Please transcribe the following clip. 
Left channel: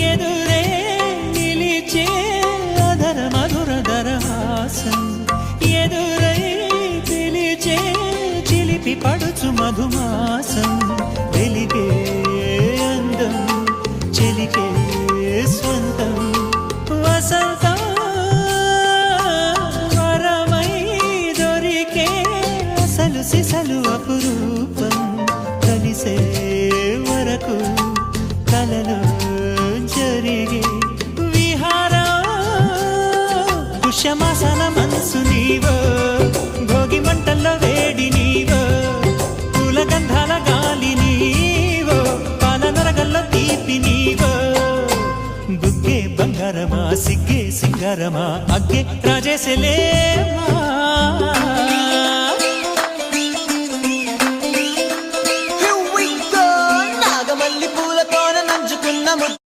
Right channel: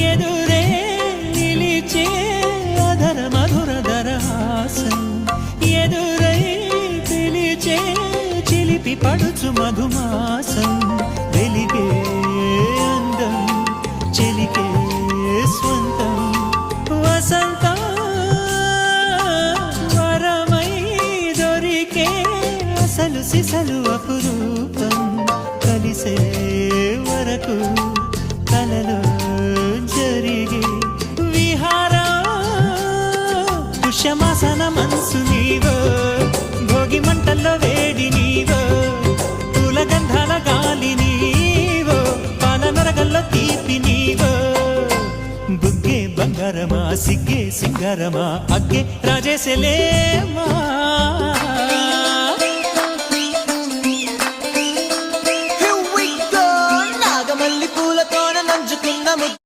ఎదురే నిలిచే అధర మధుర దరహాసం ఎదురై పిలిచే చిలిపి పడుచు మధుమాసం వెలిగే అందం చెలికే స్వంతం వసంతం వరమై దొరికే అసలు సిసలు అపురూపం కలిసే వరకు కలలో జరిగే విహారం పుష్యమాసన మనసు నీవో భోగి మంటల్లో వేడి నీవో పూల గంధాల గాలి నీవో పాల నరగల్లో తీపి నీవో బుగ్గే బంగారమా సిగ్గే సింగారమా అగ్గే రాజేశలేమా నాగమల్లి పూలతోన నంచుకున్న